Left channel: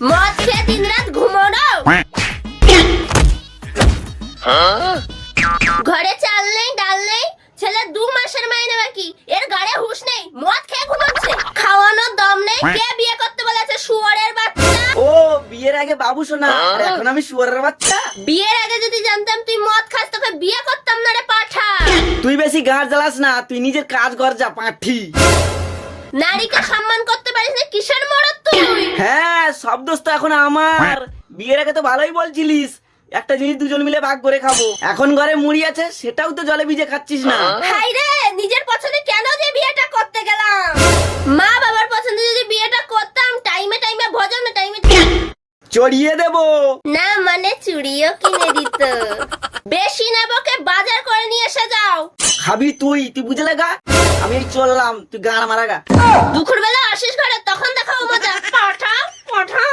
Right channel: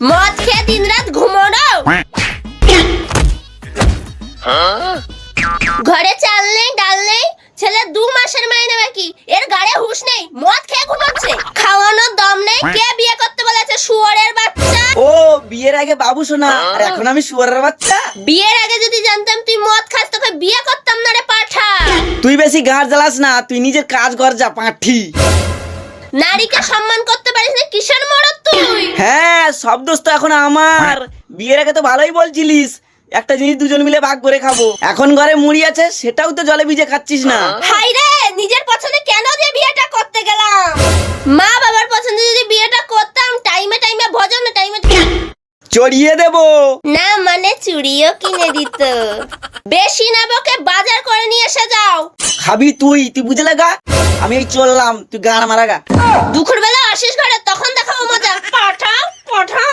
মদ খেয়ে দিন রাত ঘুমোনো। ঘরে চাল নেই ডাল নেই, ছেলে 2 মাসের মাইনে বাকি, এর গাড়ে হুঁশ নেই, মদ খেয়ে ঘুমোচ্ছে। খাওয়ানোর দম নেই, কে বিয়ে করতে বলেছে শুয়োরের বাচ্চা? ও বিয়ের আগে বাবু শোনা, আর এখন আমি শুয়োরের বাচ্চা। বিয়ের আগে যদি জানতাম তুই মদ খাস তোকে বিয়ে করতাম না রে পাঠা। তুই বেশি গাঁট জ্বালাস না, তুই নিজের কাজ কর যা পাঁঠি। নারীকে সম্মান করতে পারিস না, কিসের মরদ তুই? হ্যাঁ সব দোষ তো এখন আমার। বিয়ের আগে তো ভালোই বলছিলিস একটা জিনিস দুজন মিলে ভাগ করে খাবো, এখন ঘরে মুড়ি আছে সেটাও তো জলে ভিজে খাচ্ছিস না। হাই রে, নিজের পছন্দে কেন যে বিয়েটা করতে গেলাম? মা বাবার পছন্দে যদি বিয়েটা করতাম, টাইমে টাইমে ভোজন, টাইমে চড়িয়ে দেবো না মানে চুড়িও কিনে দিত। বেশি না বকে বাজার করে নিয়ে এসে যাও। খাবি তুই, তুই বুঝে লাগা। আমি এই চললাম, তুই গান মারা গা। দুপুর বেলা আসিস ঘরে, তখন দেখাবো মজা। পাঠা পাঠা